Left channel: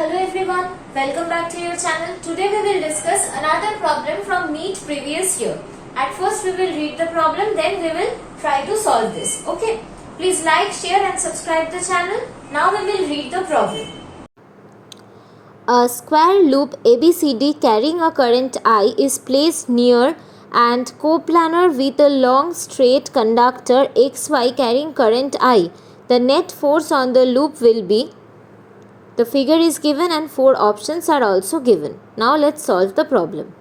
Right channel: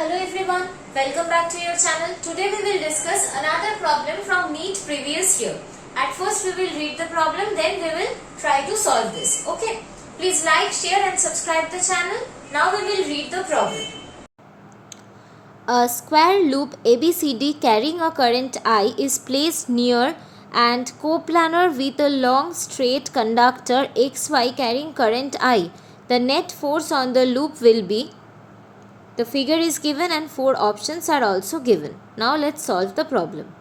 Hello everyone, welcome back to your channel. Today we will discuss another problem from NEET previous year. At first we will read the problem, then we will try to solve this. Okay, please like, share and subscribe the channel. Now we will read the problem. A square loop ABCD carrying a current I is placed near and coplanar with a long straight conductor XY carrying current I. The net force on the loop will be. The figure is given and 4 options are also given. Now let's solve the problem.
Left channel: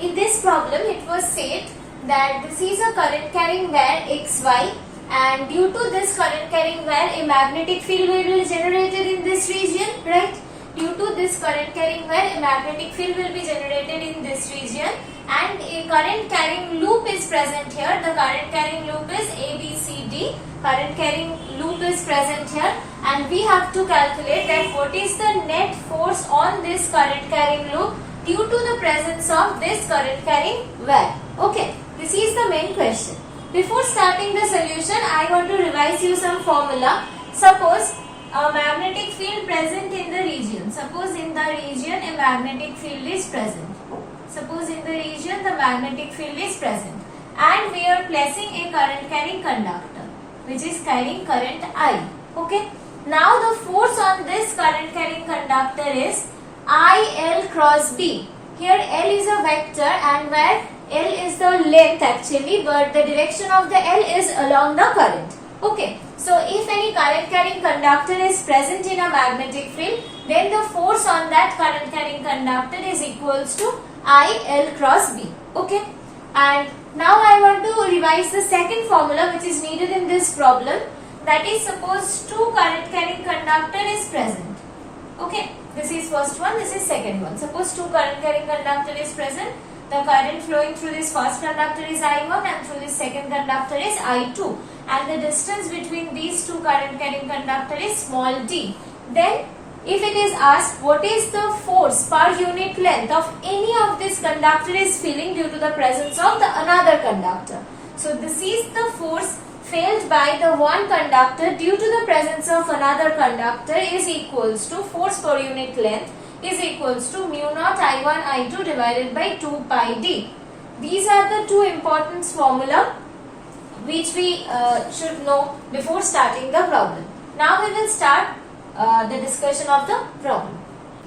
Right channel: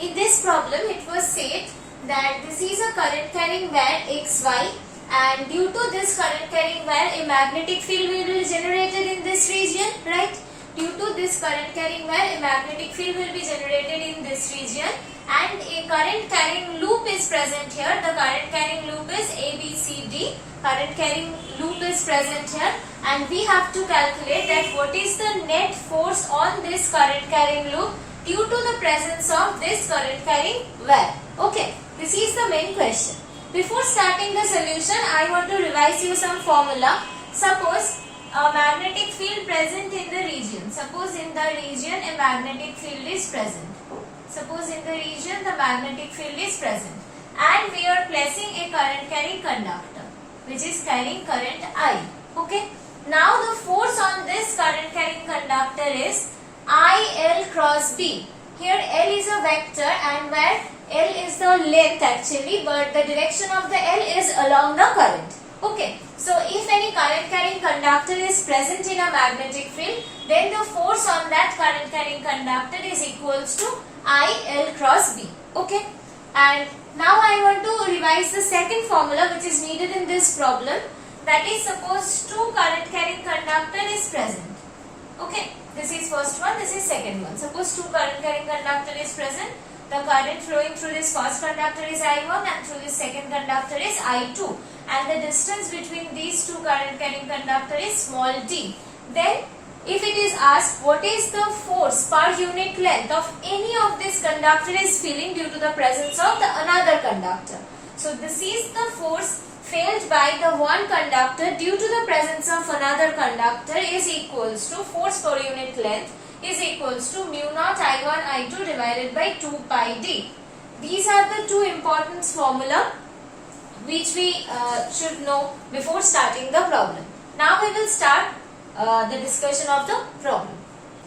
In this problem it was said that this is a current carrying wire XY, and due to this current carrying wire a magnetic field will be generated in this region, right? Due to this current carrying wire a magnetic field will be generated in this region, and a current carrying loop is present here. The current carrying loop is ABCD. Current carrying loop is present here, and we have to calculate that what is the net force on this current carrying loop due to the presence of this current carrying wire. Okay, this is the main question. Before starting the solution, I want to revise you some formula. Suppose a magnetic field present in the region. Suppose in the region a magnetic field is present. Suppose in the region the magnetic field is present, and we are placing a current carrying conductor which is carrying current I. Okay. Now the force on this current carrying conductor is IL cross B. Here L is a vector and where L is the length actually, but the direction of the L is along the current. Okay. So if any current carrying conductor is present in a magnetic field, then the force on that current carrying conductor is equals to IL cross B. Okay. And now I want to revise the second formula which is needed in this problem. That is, suppose two current carrying conductor is present. Okay. This is first one, this is second one. Suppose two current carrying conductor is present. The current flowing through this first conductor is I1 and through this second conductor is I2. And the distance between these two current carrying conductor is small d. Then if it is asked what is the force per unit length of any of this conductor is feeling due to the presence of the another conductor. So this is the force felt by the one conductor due to the presence of another conductor is equals to force per unit length is equals to mu naught I1 I2 divided by 2 pi d. These are the two important formula which we should know before starting the problem. Now we will start the discussion of the problem.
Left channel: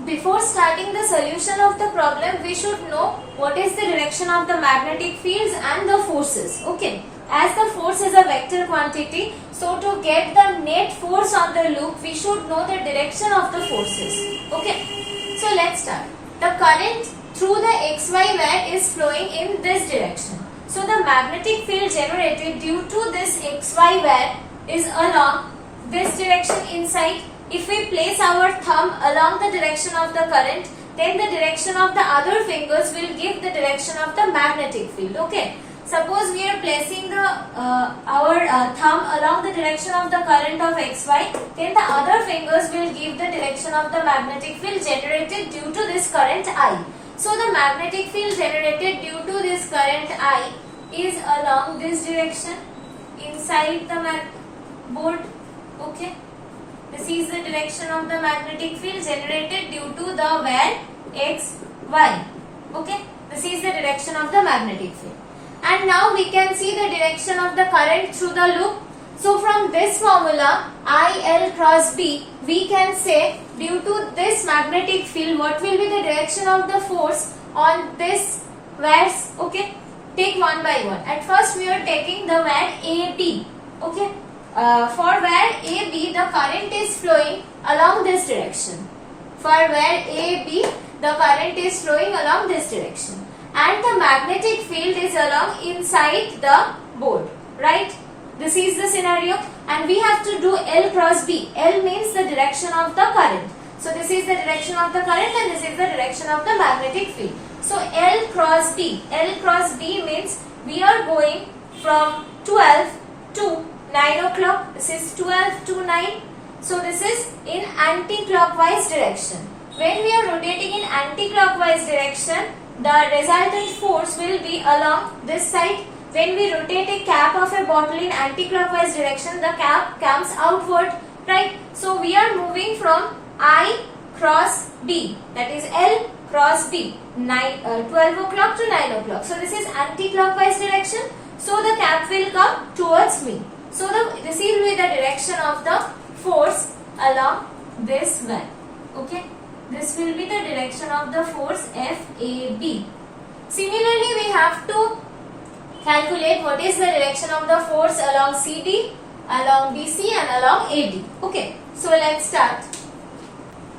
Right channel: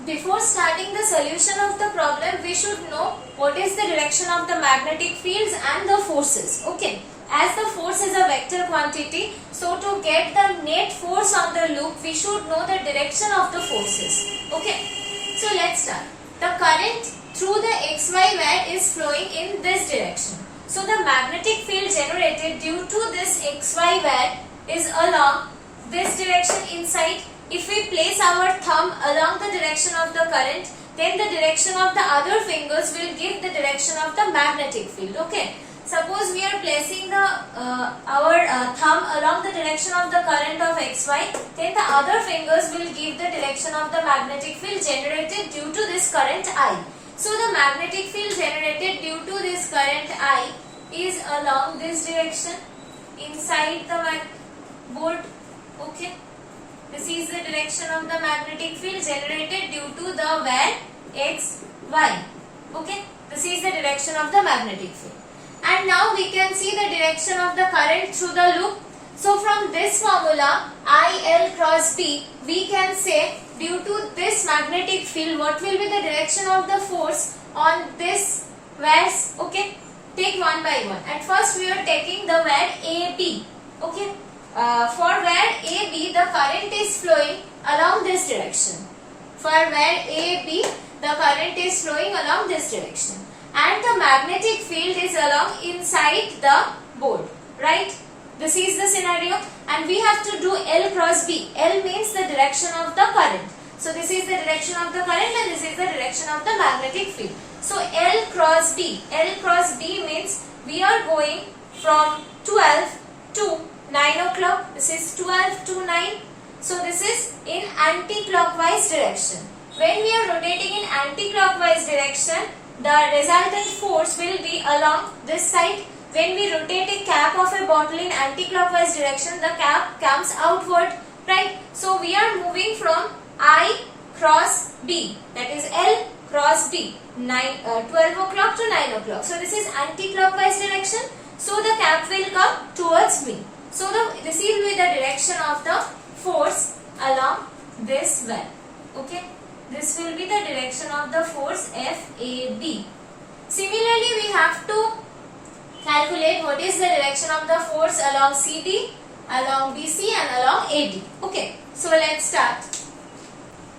Before starting the solution of the problem, we should know what is the direction of the magnetic fields and the forces. Okay. As the force is a vector quantity, so to get the net force on the loop, we should know the direction of the forces. Okay. So let's start. The current through the XY wire is flowing in this direction. So the magnetic field generated due to this XY wire is along this direction inside. If we place our thumb along the direction of the current, then the direction of the other fingers will give the direction of the magnetic field. Okay. Suppose we are placing our thumb along the direction of the current of XY, then the other fingers will give the direction of the magnetic field generated due to this current I. So the magnetic field generated due to this current I is along this direction inside the board. Okay. This is the direction of the magnetic field generated due to the wire XY. Okay. This is the direction of the magnetic field. And now we can see the direction of the current through the loop. So from this formula IL cross B, we can say due to this magnetic field what will be the direction of the force on this wires. Okay. Take one by one. At first we are taking the wire AB. Okay. For wire AB the current is flowing along this direction. For wire AB the current is flowing along this direction. And the magnetic field is along inside the board, right? This is the scenario, and we have to do L cross B. L means the direction of the current. So this is the direction of the current and this is the direction of the magnetic field. So L cross B. L cross B means we are going from 12 to 9 o'clock. This is 12 to 9. So this is in anti-clockwise direction. When we are rotating in anti-clockwise direction, the resultant force will be along this side. When we rotate a cap of a bottle in anti-clockwise direction, the cap comes outward, right? So we are moving from I cross B, that is L cross B, 12 o'clock to 9 o'clock. So this is anti-clockwise direction. So the cap will come towards me. So this will be the direction of the force along this well. Okay. This will be the direction of the force FAB. Similarly, we have to calculate what is the direction of the force along CD, along BC and along AD. Okay. So let's start.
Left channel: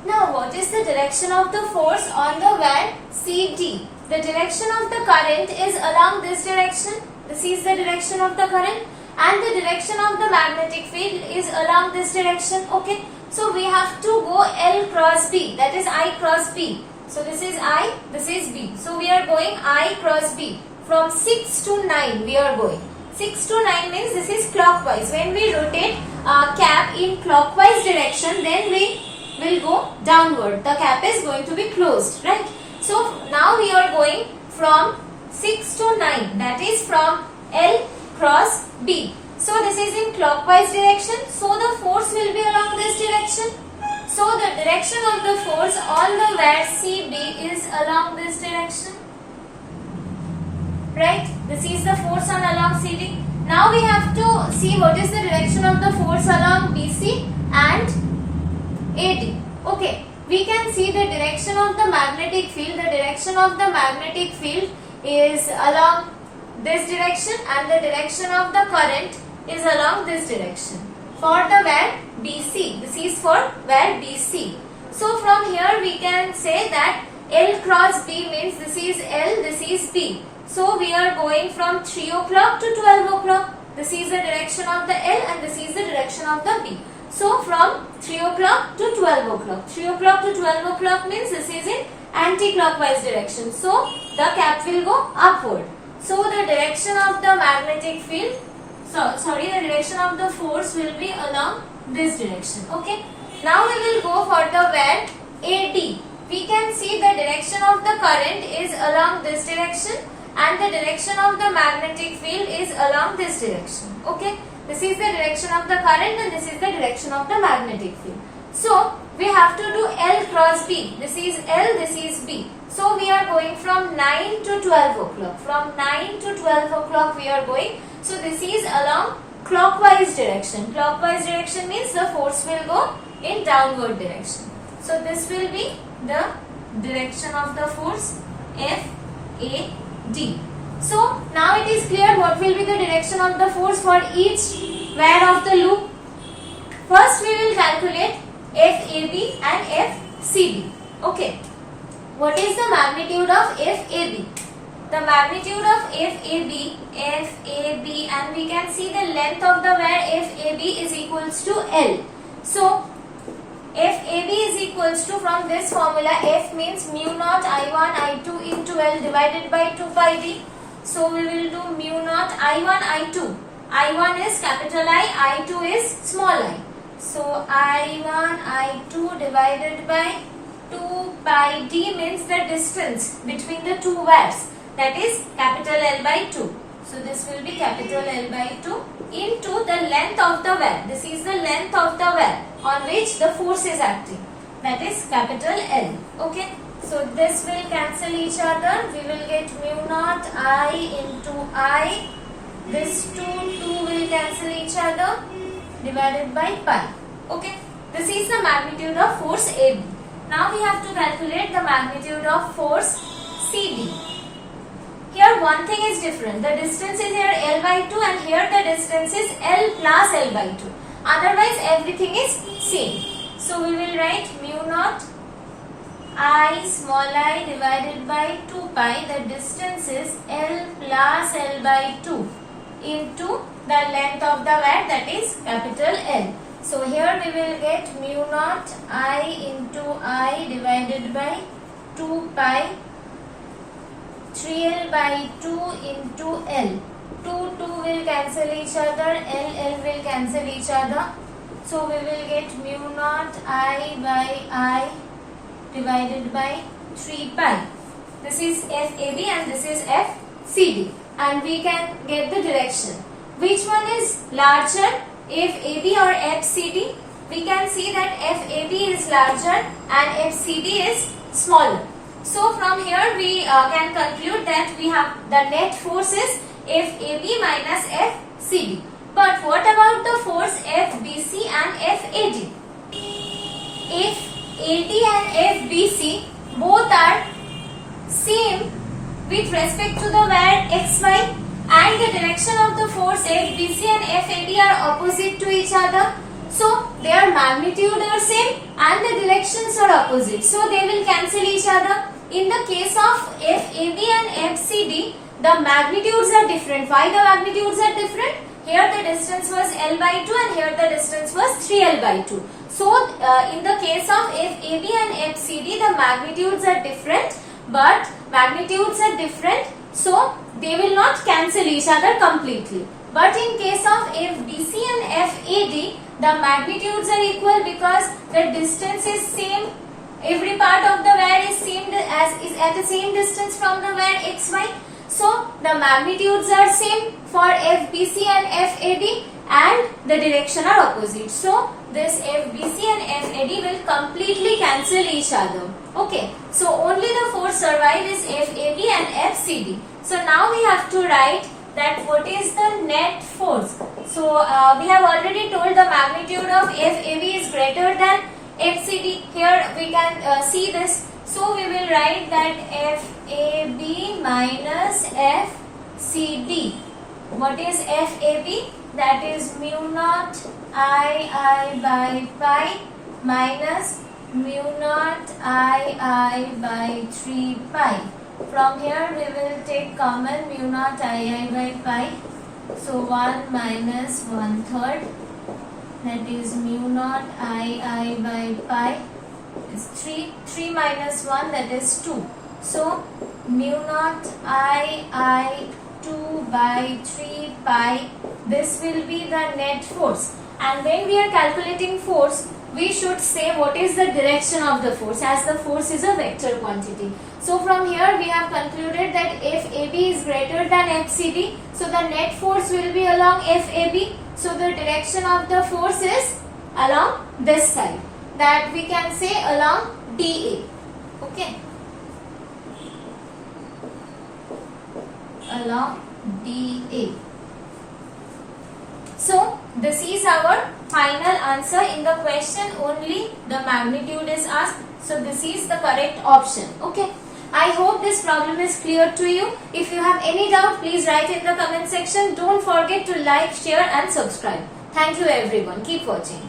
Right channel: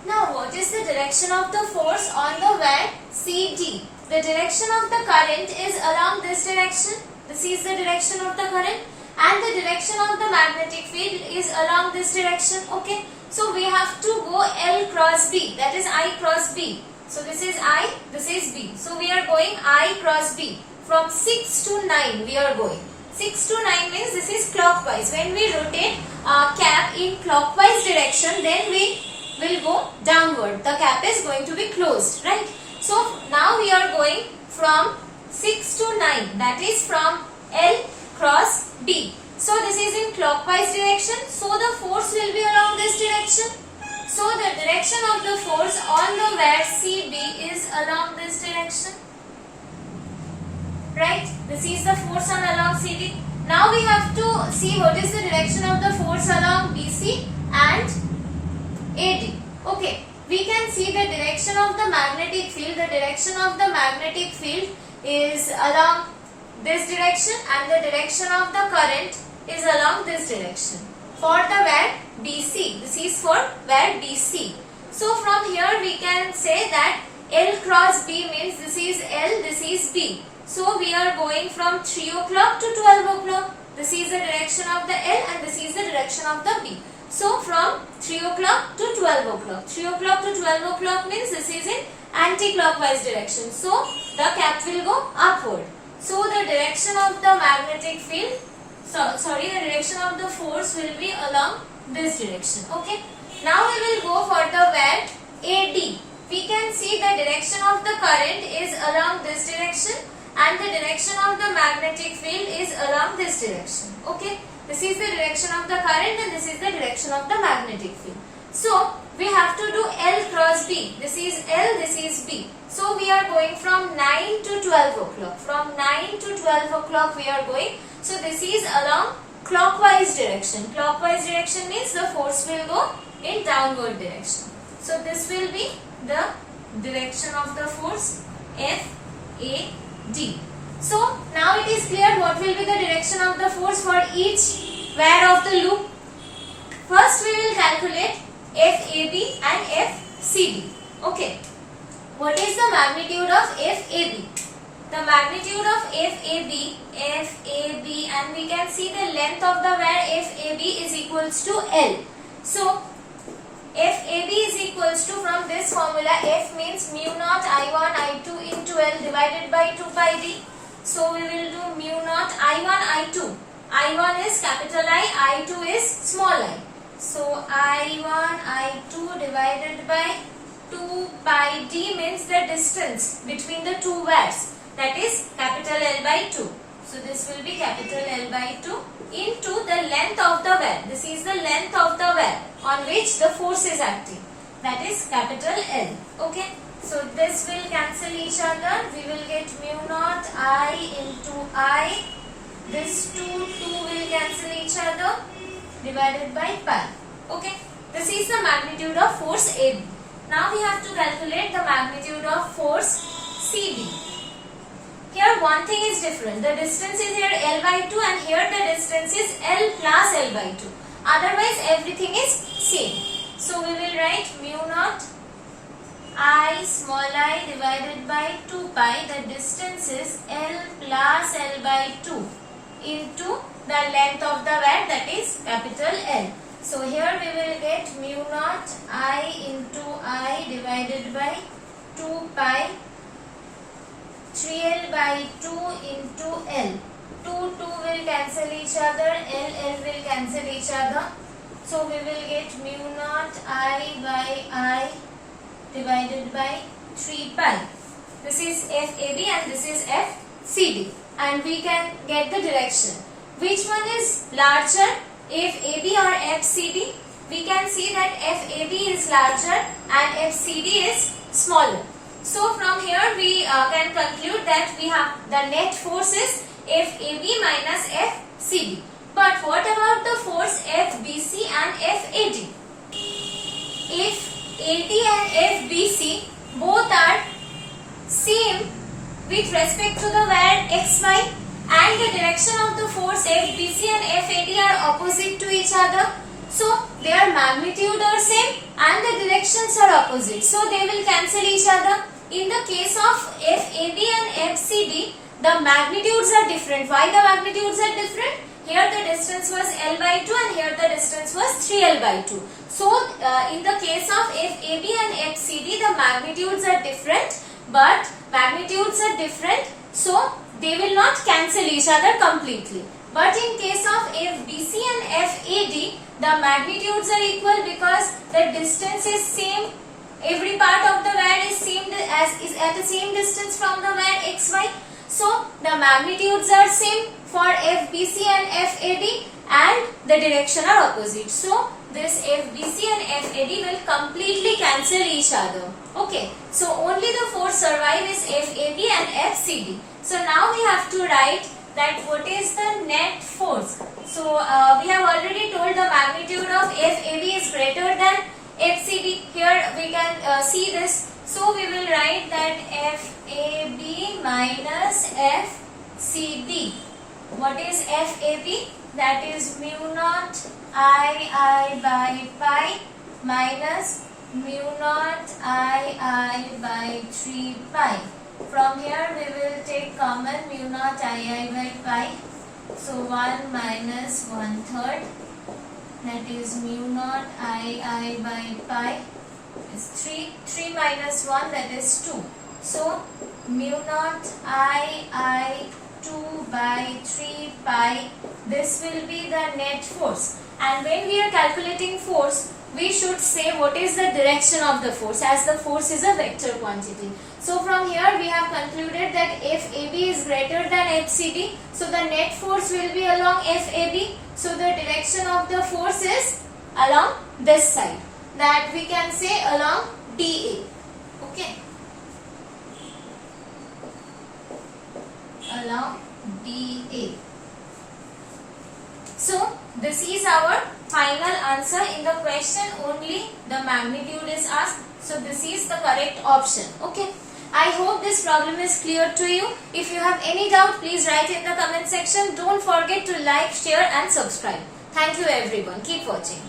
Now, what is the direction of the force on the wire CD? The direction of the current is along this direction. This is the direction of the current, and the direction of the magnetic field is along this direction. Okay. So we have to go L cross B, that is I cross B. So this is I, this is B. So we are going I cross B. From 6 to 9 we are going. 6 to 9 means this is clockwise. When we rotate cap in clockwise direction, then we will go downward. The cap is going to be closed, right? So now we are going from 6 to 9, that is from L cross B. So this is in clockwise direction. So the force will be along this direction. So the direction of the force on the wire CB is along this direction. Right? This is the force on along CD. Now we have to see what is the direction of the force along BC and AD. Okay. We can see the direction of the magnetic field. The direction of the magnetic field is along this direction, and the direction of the current is along this direction. For the wire BC, this is for wire BC. So from here we can say that L cross B means this is L, this is B. So we are going from 3 o'clock to 12 o'clock. This is the direction of the L and this is the direction of the B. So from 3 o'clock to 12 o'clock. 3 o'clock to 12 o'clock means this is in anti-clockwise direction. So the cap will go upward. So the direction of the magnetic field, the direction of the force will be along this direction. Okay. Now we will go for the wire AD. We can see the direction of the current is along this direction, and the direction of the magnetic field is along this direction. Okay. This is the direction of the current and this is the direction of the magnetic field. So we have to do L cross B. This is L, this is B. So we are going from 9 to 12 o'clock. From 9 to 12 o'clock we are going. So this is along clockwise direction. Clockwise direction means the force will go in downward direction. So this will be the direction of the force FAD. So now it is clear what will be the direction of the force for each wire of the loop. First we will calculate FAB and FCD. Okay. What is the magnitude of FAB? The magnitude of FAB, and we can see the length of the wire FAB is equals to L. So FAB is equals to, from this formula, F means mu naught I1 I2 into L divided by 2 pi d. So we will do mu naught I1 I2. I1 is capital I, I2 is small I. So I1 I2 divided by 2 pi d means the distance between the two wires, that is capital L by 2. So this will be capital L by 2 into the length of the wire. This is the length of the wire on which the force is acting, that is capital L. Okay. So this will cancel each other. We will get mu naught I into I. This 2 will cancel each other, divided by pi. Okay. This is the magnitude of force AB. Now we have to calculate the magnitude of force CD. Here one thing is different. The distance is here L by 2 and here the distance is L plus L by 2. Otherwise everything is same. So we will write mu naught I small I divided by 2 pi. The distance is L plus L by 2 into the length of the wire, that is capital L. So here we will get mu naught I into I divided by 2 pi 3L by 2 into L. 2 will cancel each other, L will cancel each other. So we will get mu naught I by I divided by 3 pi. This is FAB and this is FCD. And we can get the direction. Which one is larger, FAB or FCD? we can see that FAB is larger and FCD is smaller. So from here we can conclude that we have the net force is FAB minus FCD. But what about the force FBC and FAD? If AD and FBC both are same with respect to the where XY and the direction of the force FBC and FAD are opposite to each other, so their magnitude are same and the directions are opposite, so they will cancel each other. In the case of FAB and FCD, the magnitudes are different. Why the magnitudes are different? Here the distance was L by 2 and here the distance was 3L by 2. So in the case of FAB and FCD, the magnitudes are different, so they will not cancel each other completely. But in case of FBC and FAD, the magnitudes are equal because the distance is same. Every part of the wire is at the same distance from the wire XY. So the magnitudes are same for FBC and FAD and the direction are opposite. So this FBC and FAD will completely cancel each other. Okay. So only the force survive is FAB and FCD. So now we have to write that what is the net force. So we have already told the magnitude of FAB is greater than FCD. Here we can see this. So we will write that FAB minus FCD. What is FAB? That is mu naught II by pi minus mu naught II by 3 pi. From here we will take common mu naught II by pi. So 1 minus 1/3. That is mu naught II by pi is 3. 3 minus 1, that is 2. So mu naught II 2 by 3 pi, this will be the net force. And when we are calculating force, we should say what is the direction of the force, as the force is a vector quantity. So from here we have concluded that FAB is greater than FCD. So the net force will be along FAB. So the direction of the force is along this side. That we can say along DA. Okay. Along DA. So this is our final answer. In the question only the magnitude is asked. So this is the correct option. Okay. I hope this problem is clear to you. If you have any doubt, please write in the comment section. Don't forget to like, share and subscribe. Thank you everyone. Keep watching.